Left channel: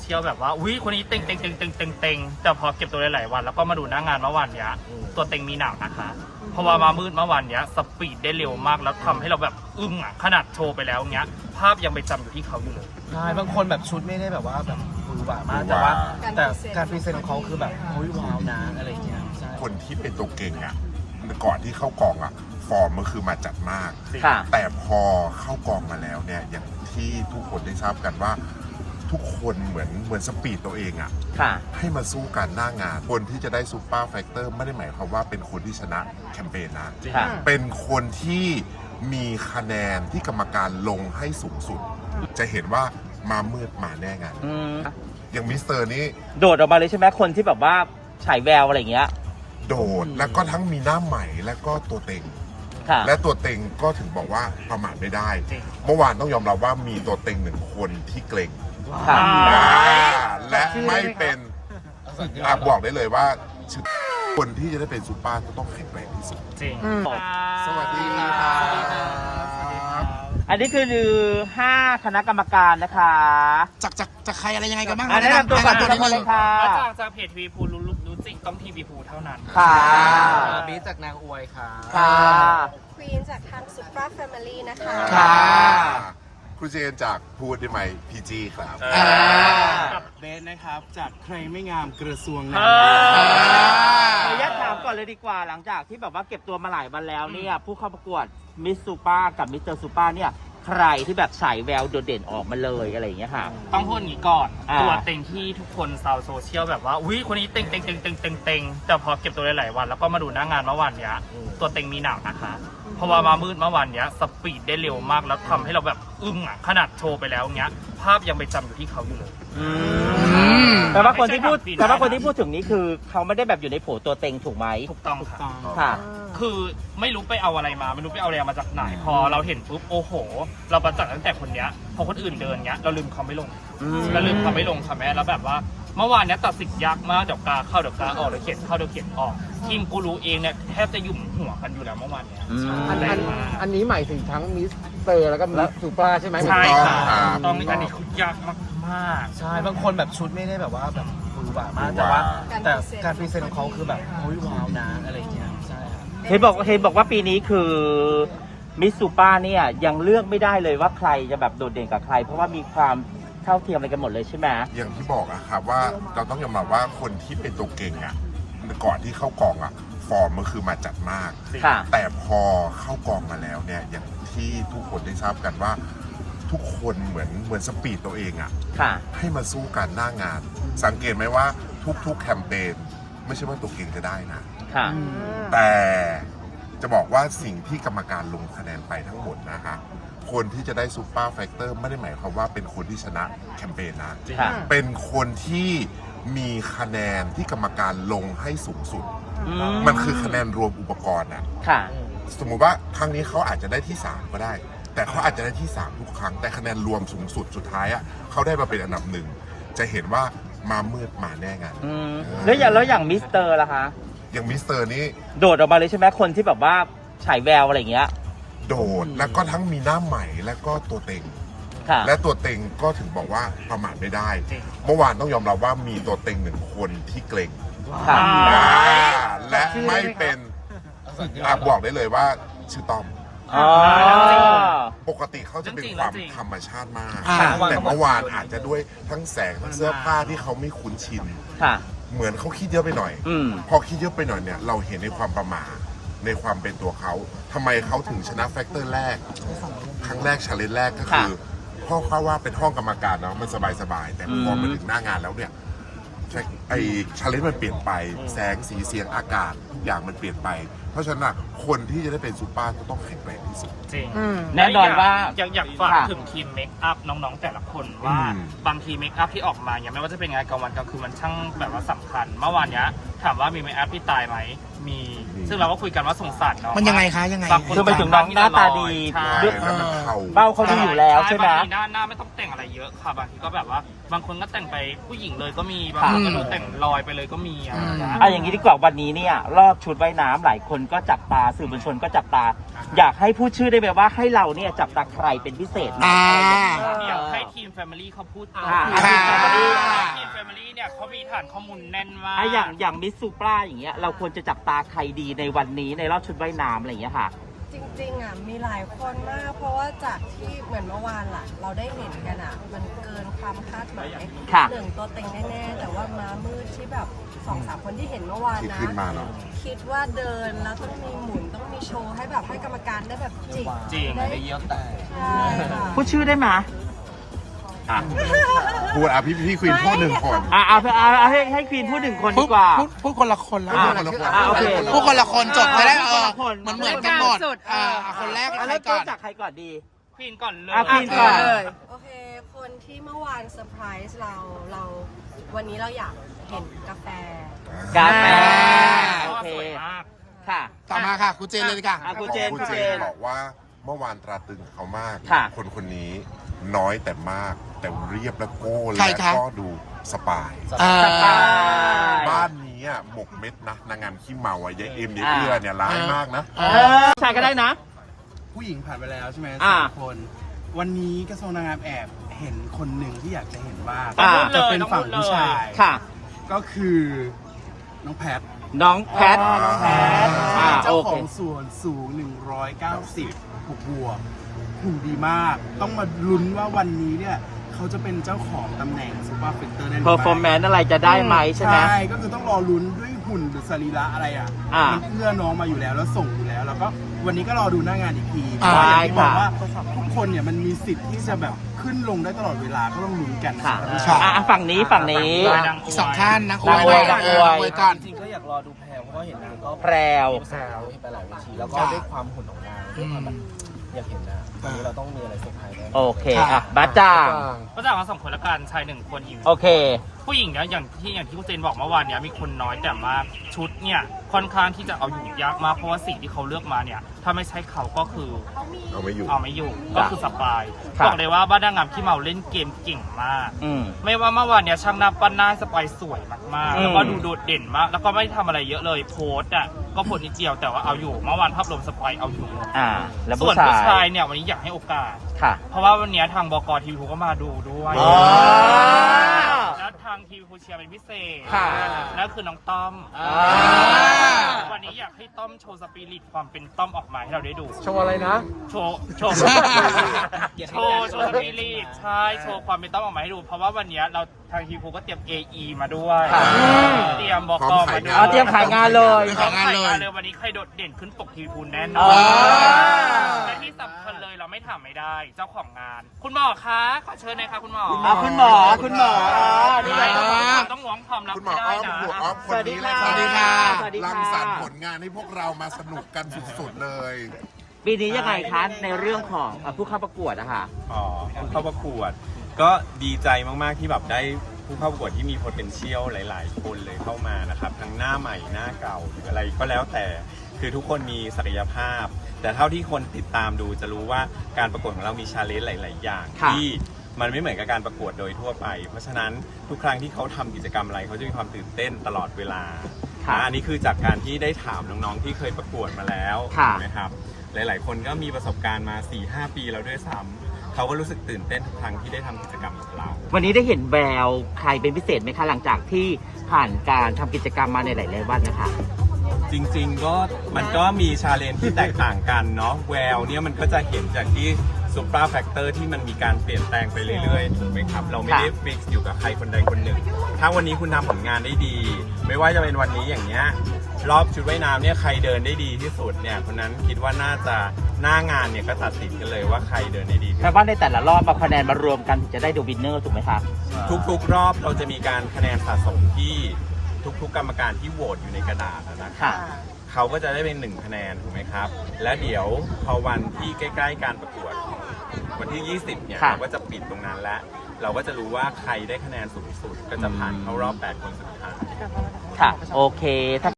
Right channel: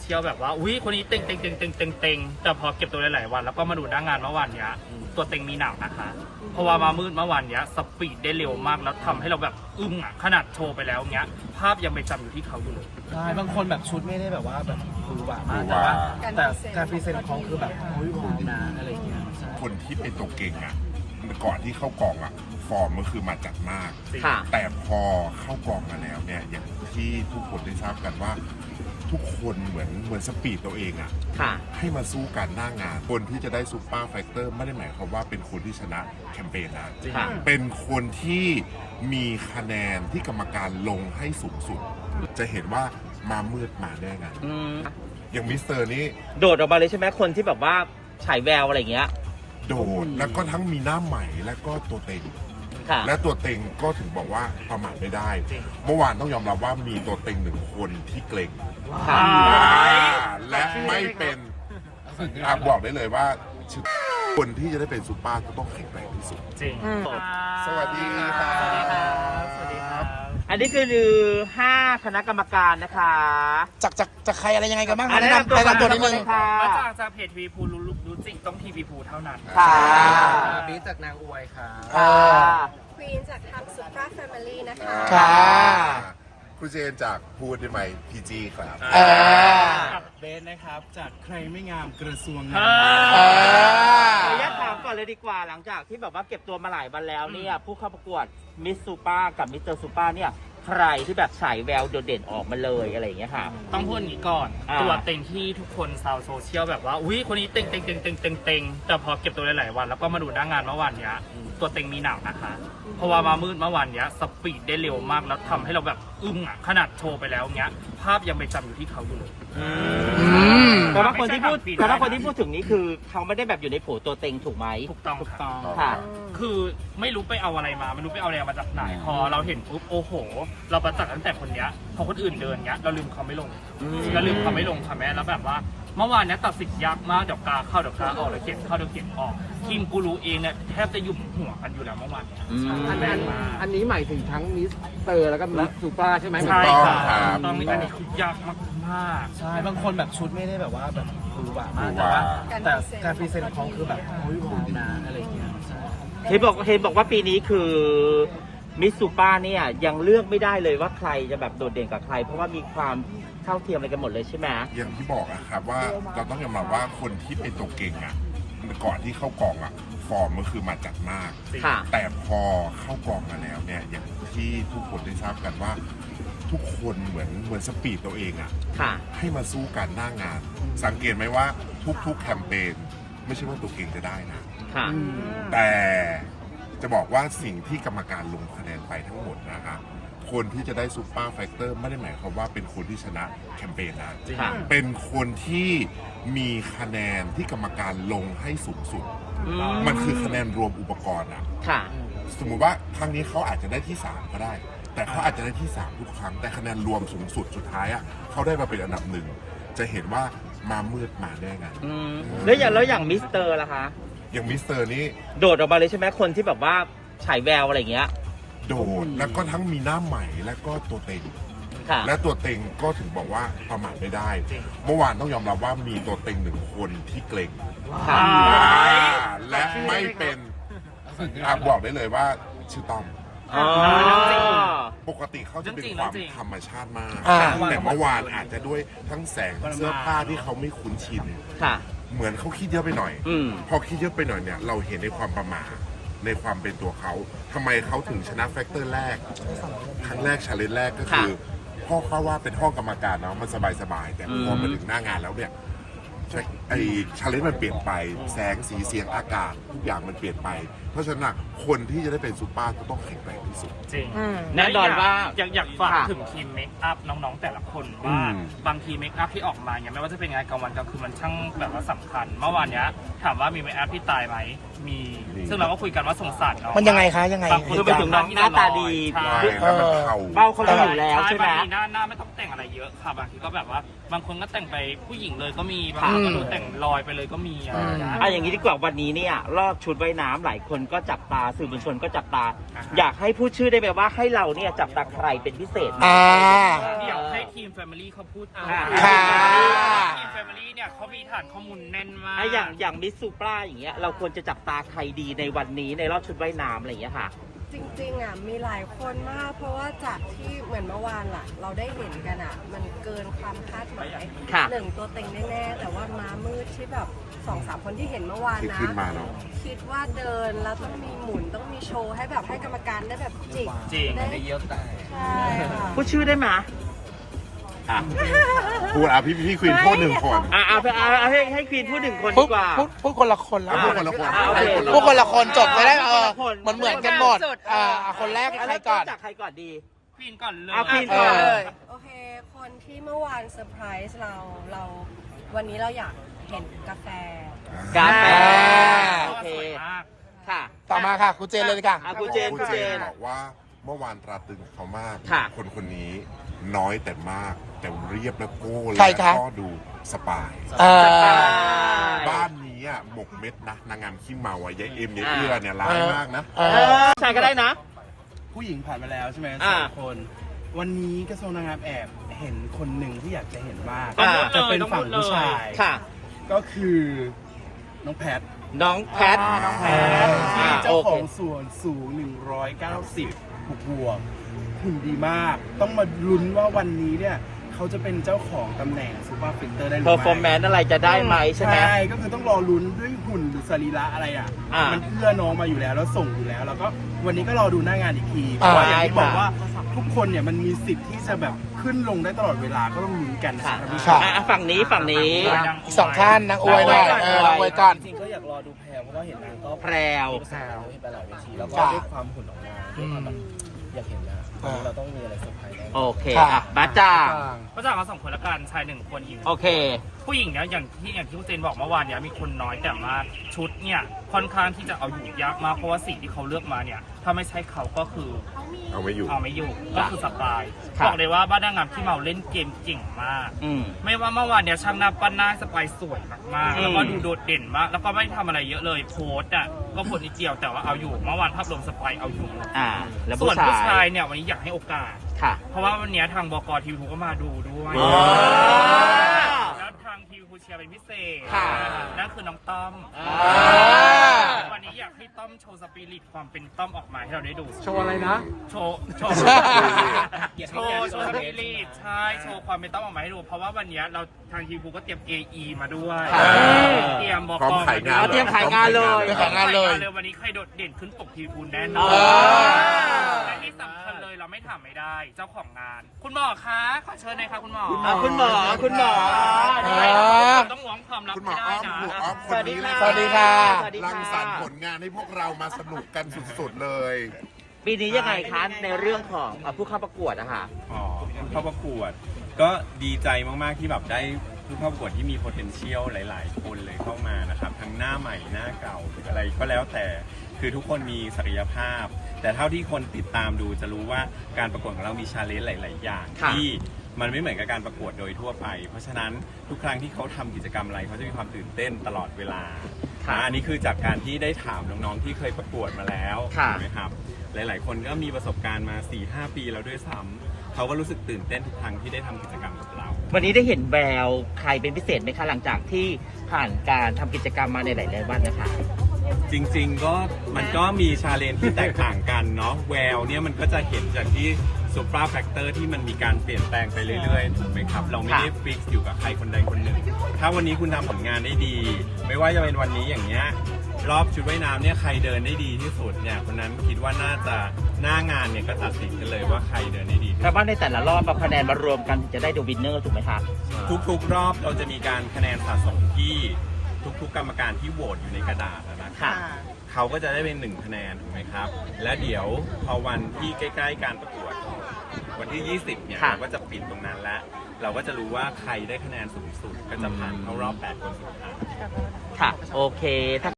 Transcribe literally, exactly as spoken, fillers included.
ชียลแบบว่าอุ้ยคนนี้เต็งเต็งเต็งเต็งเต็งเต็งแต่พอเก็บตัวหลายๆวันแล้วก็มาดูหน้างานเมื่อวานเนี้ยตัวเต็งมีหนักนะครับเพราะว่ามามืดเมื่อวานเนี้ยสปีดได้เร็วมากแล้วทำให้เราแบบอึ้งอ่ะขนาดโชว์ไปแล้วเนี้ยภาพยังไปจำอยู่ที่เขาอยู่เลยใช่บางคนแบบชุดไม่ได้แบบว่าแบบหวือหวามากแต่ว่าแต่การพรีเซนต์ของเขาคือแบบอุ้ยว้าวนะอะไรอย่างเงี้ยคนที่เป็นตัวเก่งอ่ะก่อนที่เข้ากองอ่ะฟอร์มมันคือมาจัดมากแต่พอเข้ากองมาแล้วเนี่ยอย่างที่ทุกคนได้ทราบกันว่าทุกคนเหมือนเหมือนสปีดตัวเองอ่ะให้มาสู้กันหน้างานคนที่จะได้ซูเปอร์แฟกเตอร์ไม่ได้หมายความว่าเป็นคนที่ชนะแคมเปญนะเป็นคนที่มีคะแนนที่กรรมการลงให้สูงสุดจะเห็นว่ามามืดมาแน่งานอย่างมิสเตอร์นี่โดดออกมาเลยใช่ไหมคนที่แบบว่าฉายแววอะไรอย่างเงี้ยโดดแล้วก็ทั้งมีหน้าใหม่และก็ตัวเต็งและตัวเต็งก็ถึงบอกว่าประมาทไม่ได้เมื่อวานต้องยอมรับว่ามีตัวเต็งหนึ่งคนที่เกรงและไม่เป็นบอกได้เลยว่าคนที่จะได้เป็นซูเปอร์ก็ต้องแข็งแกร่งที่สุดจริงสวัสดีครับอันนี้คือห้าคณะกรรมการนะคะจากจากจากใครอะไรยังไงกันบ้างคะแนะนำแนะนำตัวนิดนึงมาจากจากเพจทีวีพูรู้รู้จริงต้องทีวีพูเท่านั้นค่ะบีจากนางอวยค่ะควีนจากทางซุปเปอร์แฟมิลี่นะคะค่ะครูเจนจากพูดได้ไหมพีจีครับเบสนะครับจากใครไม่งามกระทรวงงานขออนุญาตถามก่อนเลยดีกว่าหลังจากที่แบบว่าเก็บตัวมาหลายวันแล้วเนี่ยผู้เข้าประกวดมิสซูเปอร์กับมิสเตอร์ซูเปอร์เนี่ยใครที่แบบฉายแววโดดเด่นออกมาเลยอะไรอย่างเงี้ยค่ะต้องพูดอย่างนี้ก่อนตัวเต็งที่ทุกคนชาวโซเชียลแบบว่าอุ้ยคนนี้เต็งเต็งเต็งเต็งเต็งเต็งแต่พอเก็บตัวหลายๆวันแล้วก็มาดูหน้างานเมื่อวานเนี้ยตัวเต็งมีหนักนะครับเพราะว่ามามืดเมื่อวานเนี้ยสปีดได้เร็วมากแล้วทำให้เราแบบอึ้งอ่ะขนาดโชว์ไปแล้วเนี้ยภาพยังไปจำอยู่ที่เขาอยู่เลยแต่ว่าคนที่พูดแต่ว่าคนที่พูดถึงนี้คือเขาไม่ได้แบบอยู่ในโผตัวเต็งถูกไหมถูกต้องถูกต้องค่ะคือไม่รู้ไปเอาอะไรมาไม่รู้ไปเอาอะไรมาจากไหนพอเราเห็นปุ๊บโอ้โหเราประจักษ์ตั้งแต่คนเนี้ยพอคนอื่นเดินเนี้ยเราลืมเขาไม่ลงเราลืมเขาไม่ลงค่ะแม่แล้วแบบว่าเมื่อวานเนี้ยตัดสินยากมากเดี๋ยวกาเข้าเดี๋ยวกาออกเดี๋ยวเขียนเข้าเดี๋ยวเขียนออกทีมกูรู้เองเนี่ยแทบจะยุ่มหัวกันอยู่แล้วเมื่อวานเนี้ยอันนี้หมายถึงทั้งมิสเตอร์แล้วก็มิสซูเปอร์ใช่ไหมถูกต้องครับตอนนี้อันนี้คือยากมากมากใช่บางคนแบบชุดไม่ได้แบบว่าแบบหวือหวามากแต่ว่าแต่การพรีเซนต์ของเขาคือแบบอุ้ยว้าวนะอะไรอย่างเงี้ยใช่เห็นบอกเห็นบอกว่าปีนี้คือมิสซูเปอร์เนี่ยยังเลือกไม่ได้เลยว่าใครจะแบบโดดเด่นกับใครเพราะว่ามีความเท่าเทียมอะไรกันหมดเลยใช่ไหมอย่างที่บอกอะครับว่าเราต้องยอมรับว่าคนที่เป็นตัวเก่งอะก่อนที่เข้ากองอะฟอร์มมันคือมาจัดมากแต่พอเข้ากองมาแล้วเนี่ยอย่างที่ทุกคนได้ทราบกันว่าทุกคนเหมือนเหมือนสปีดตัวเองอะให้มาสู้กันหน้างานสังเกตไหมว่าทุกๆแคมเปญไม่ใช่ว่าตัวเก่งจะได้นะแต่จะบอกว่าสิ่งที่กรรมการลงคะแนนไปทั้งหมดนะฮะคนที่จะได้ซูเปอร์แฟกเตอร์ไม่ได้หมายความว่าเป็นคนที่ชนะแคมเปญนะเป็นคนที่มีคะแนนที่กรรมการลงให้สูงสุดมันคือคะแนนรวมอุปกรณ์อ่ะสมมุติว่าครั้งนี้เขาอาจจะได้ที่สามก็ได้แต่เขาอาจจะได้ที่สามทุกครั้งแต่คะแนนรวมสูงสุดสุดท้ายอ่ะเขาได้มาเป็นอันดับหนึ่งจะเห็นว่ามามืดมาแน่งานแล้วอย่างแล้วอย่างมิสเตอร์ล่ะคะอย่างมิสเตอร์นี่โดดออกมาเลยใช่ไหมคนที่แบบว่าฉายแววอะไรอย่างเงี้ยโดดแล้วก็ทั้งมีหน้าใหม่และก็ตัวเต็งและตัวเต็งก็ถึงบอกว่าประมาทไม่ได้เมื่อวานต้องยอมรับว่ามีตัวเต็งหนึ่งคนที่เกรงและไม่เป็นบอกได้เลยว่าชื่อต้อมปกติเขาจะเป็นความธรรมชาติมากแต่เมื่อวานอาจจะด้วยทั้งแสงทั้งเสื้อผ้าที่เขาไม่คุ้นชินเหมือนเขาคิดเยอะไปหน่อยพอคิดเยอะไปหน่อยเนี่ยเราเห็นในความประมาทในความเป็นตัวเขาทำไมเขาถึงชนะแฟกเตอร์แรกครั้งแรกชาเลนจ์แรกก็คือพ่อเขาว่าเป็นห้องกรรมการเนาะมันสบายๆแต่พอมาถึงหน้างานแล้วเนี่ยไอชาเลนจ์มันเปลี่ยนไปแสงสีเสียงอากาศทุกอย่างมันเปลี่ยนไปเพราะฉะนั้นคนที่จะได้เป็นซูเปอร์ก็ต้องแข็งแกร่งที่สุดจริงแน่นอนว่าอยากอยากฝากถึงทีมเมคอัพน้องๆแต่ละคนว่าบางทีเมคอัพที่ออกมาอย่างไม่ว่าจะเป็นงานกลางวันกลางคืนมันช่างแบบว่าสำคัญเมื่อวานเนี้ยถามว่ามีเมคอัพที่ตายไหมมีซึ่งเราก็คุยกันว่าสงสารเนาะมันยังไงคะยังไงคือไปถึงน้องหน้าตาดีเบ้าเขาอยู่แล้วใช่ไหมหน้าหน้าไม่ต้องแต่งอะไรเยอะค่ะบางทีก็แบบว่าบางคนก็แต่งไปผู้หญิงเลยก็มีบางคนก็แต่งลอยไปเลยก็มีอ่ะอย่างนี้ดีกว่าวันนี้เนี่ยรอบชุดว่ายน้ำหลายคนก็จับตาสื่อมวลชนก็จับตาอยากให้พูดชื่อได้ไหมว่าให้เราเนี่ยจับตาใครเป็นพิเศษอ่าเดี๋ยวให้ทีมแฟ Family เขาพูดค่ะทีม Family เนี่ยเขามีฐานข้อมูลแน่นมากไอะอย่างอย่างมิสซูปราอย่างเงี้ยเราควรจะจับตาใครดีในวันนี้ในรอบชุดว่ายน้ำอะไรอย่างเงี้ยค่ะจริงๆอ่ะมีหลายคนมาก เพราะว่าจากที่เหมือนเมื่อวานล่ะ เราได้เห็นกันอ่ะ มันเกินความคาดหมายค่ะหนึ่งตัวเต็งแน่ๆ แต่ว่าม้ามืดที่แบบสองสามคนที่เห็นเมื่อวานที่นะขึ้นมาเนาะคิดว่าเดินแล้วต้องมีหมุนต้องมีโชว์ให้แบบให้กรรมการได้แบบจิกจริงได้ได้เยี่ยวแตกใช่ค่ะพูดชื่อได้ไหมอ่ะพูดอ่ะพี่พี่ควีนพูดหนึ่งคนอ่ะเอาเอาเอาให้ให้ควีนพูดหนึ่งคนพูดีดกว่าพูดพูดคนละคนแล้วพูดคนละคนอ่ะโอเคพูดคนละคนจบเลยได้เออคนเหมือนเหมือนกันหมดอ่าอ่ะคนแรกใครก่อนจากใครก่อนดีพีนก่อนเลยอ่ะพีนก่อนเลยโอเค คนที่เมื่อวานเซอร์ไพรส์เราเราวันนี้เราอยากเห็นกาแฟกาแฟอ่าโอเคสวยมากค่ะต่อมาค่ะครูเจนเลยค่ะอ่ะครูเจนคุณครูเจเจนนบอกว่าเมื่อวานตราตรึงเขามากค่ะคนคนนี้น้อยแต่มาก แต่เรียบและโก้ใครและคะก็ดูสปายอ่าบ้านนี้อ่ะหมกเม็ดนะนางงามขี้เมาอ่ะยายเอ็มยายเอื้อเนี่ยร้ายมากนะอ่าใช่ก็ได้นะผู้หญิงผ่านไปแล้วใช่ไหมอ่าสามคน วันนี้กระทรวงนางงามแอบเห็นคนหนึ่งที่อยากจะเห็นมากอ่าจะเป็นฝั่งผู้ชายค่ะก็คือน้องแพทน้องแพทน้องแพทอ่าเจ้าโอขเคองส่วนสูง หนึ่งร้อยเก้าสิบ บวกบวกหุ่นดีมาก ต้องมาลุ้นว่าวันนี้เนี่ยเขาจะเป็นเจ้าของตำแหน่งซูเปอร์ฟิลเตอร์ได้หรือเพอไม่ร์ฟอร์แมนซ์อะไรจะได้ไหมใช่ไหมใช่ ก็คือต้องรอลุ้นด้วยหุ่นหรือสรีระอะไรอ่ะอ่ามัมันเอื้อน้องมาอยู่แล้วแล้วส่งอยู่แล้ว แล้วก็วันนี้ก็รอดูหน้างานอีกทีเพอ่าราะว่าอย่างที่บอกค่ะว่าทุกคนเนี่ยมันมีสิทธิ์ที่จะแบบขึ้นลงได้ตลอดเวลาก็ต้องลุ้นกันนะค่ะครับพี่ค่ะชายอ่ะฝั่งนี้ฝั่งนี้อีกสองท่านนางอวยหน่อยเออนางอวยก่อนจริงๆก็อยากรอดูแพรเพราะว่าเห็นนางก็แพรวมีประสบการณ์ไปหลายเวทีแล้วก็ค่ะด้วยความหุ่นของนางด้วยความแบบอยากเห็นนางวันนี้เราต้องมีอะไรเซอร์ไพรส์แน่นอนโอเคค่ะอ่ะบ้าจ่างก็จะมาสองคนละกันชายหนึ่งคนหญิงโอเคผู้หญิงเนี่ยอย่างที่อย่างที่คุณเจนบอกเมื่อวานเนี่ยมีคนน้อยแต่มากชุดเนี่ยค่อนข้างที่จะเอาอยู่ยากมากเพราะว่าสิ่งที่เขาเลือกมาเนี่ยถ้าไม่ใช่เขาก็คือเอาไม่อยู่เอาไม่อยู่ก็คือสปายครับบอกเลยว่าบ้านนางงามที่เมาเล่นเกมเก่งมากอืมไม่ว่าเมื่อวานเนี่ยช่างหน้าปั้นหน้าสปายสวยมากอืมๆแล้วก็ดูโดดเด่นมาก แล้วก็ไม่ได้ทำอะไรเยอะเลยโพสต์อ่ะก็โพสต์นิดเดียวแต่ว่าเอาอยู่เมื่อวานภาพรวมสปายเอาอยู่หมดอ่า แล้วส่วนผู้ผู้ชาชาย ยเนี่ยวันนี้อยากให้โอกาสค่ะเพราะว่าวันนี้ทางบกทีวีก็มาดูด้วยอ๋อแล้วทางทีวีเชียร์เป็นพิเศษค่ะนั่นคือน้องต้อมอ่าวันนี้อยากให้ต้อมโชว์สปิริตความเป็นต้อมออกมาให้เราได้ดูโชว์อะไรนะโชว์โชว์ โชว์โชว์สปิริตใช่โชว์ความเป็นต้อมออกมาให้ดู เพราะว่าวันนี้เราทางทีวีก็เตรียม เอ อี มาด้วยอ่าเตรียมบกพร้อมมาขายด้วงานยเตรียมขายงานเลยเตรียมขายงานเลยวันนี้ใครโดดเด่นขึ้นปกทีวีแน่นอนอ่าและที่สำคัญเลยเราไม่ถามไม่ได้ เจ้าของงาน คุณหมอคะขอเชิญหน่อยครับคุณหมออ่ะคุณหมอคุณหมอต้องหวงความลับคุณหมไม่อได้อ้อมนะหัวอ้อมคสวัน สดีนี้ค่ะนะสวัสดีค่ะสวัสดีรังค่ะสรรค์ผลงานให้พวกเรามาสนุกกันสุดๆเลยปีนี้ยังไงคะในเรื่องของอ่ะผู้เข้าประกวดอะค่ะอ๋อผู้เข้าประกวด ก็ดีใจมาก ๆ ที่แบบได้ผู้เข้าประกวดที่มี potential หลาย ๆ คนเลยเข้ามานะครับ ทั้งหน้าใหม่หน้าเก่าหรืออะไรก็แล้วแต่คือทุกคนมีศักยภาพ แต่เท่าที่คนติดตามดูจะรู้ว่าการประกวดของเรามีชาเลนจ์หลาย ๆ อย่างค่ะที่มันไม่เหมือนกับการประกวดโดยทั่วไป เพราะฉะนั้นทุกครั้งที่เขาทำกิจกรรมอะไรเขาจะมีความตื่นเต้นตลอดเวลาค่ะนะอันนี้คือจากการที่ได้ถามน้อง ๆ ที่เคยประกวดมาแล้วค่ะนะครับ หลาย ๆ คนก็มีประสบการณ์มา สี่ห้า ปีแล้วด้วยซ้ำเขาก็รู้สึกตื่นเต้นทุกครั้งที่ได้ทำกิจกรรมกับเราวันนี้ได้เห็นแววใครเป็นพิเศษไหมคะหลังจากที่ผ่านการทำกิจกรรมมาในหลายๆวันนะคะจริง ๆ ก็มันก็มีชาเลนจ์ที่แตกต่างกันเนาะแววเนี่ยมันก็จะเห็นจากที่ซูเปอร์แฟกเตอร์ที่มันมีการเปลี่ยนแปลงไปเรื่อยๆถูกไหมครับ เราไม่ได้ฟิกซ์อยู่กับใครคนใดคนหนึ่ง ถ้าวันนี้คุณทำผลงานได้ดี ไม่ว่าจะเป็นวันนี้อย่างเงี้ยรอบชุดว่ายน้ำเนี่ยใครเดินได้ดีที่สุดเนี่ยคนนั้นคิดว่าน่าจะหน้างานเนี่ยก็ตัดสินกันเลยว่าใครเดินได้ดีที่สุดแปลว่าในแต่ละรอบเอาคะแนนมารวมกันถึงจะได้ดูวินเนอร์ถูกไหมคะทุกๆรอบเราจะมีการคะแนนสะสมที่ทุกๆกรรมการที่โหวตอยู่ในกระดาษนะครับค่ะเขาก็จะได้เป็นหนึ่งคะแนนถูกไหมครับ และเดี๋ยวพอวันที่ใกล้ๆการประกวด วันที่ ยี่สิบ เนี่ยค่ะเราก็จะปิดตรงนั้นแล้ว เราก็จะรู้ว่าใครได้คะแนนสูงสุด ก็จะผ่านเข้ารอบ แปด คนสุดท้ายค่ะ โอเคถ้า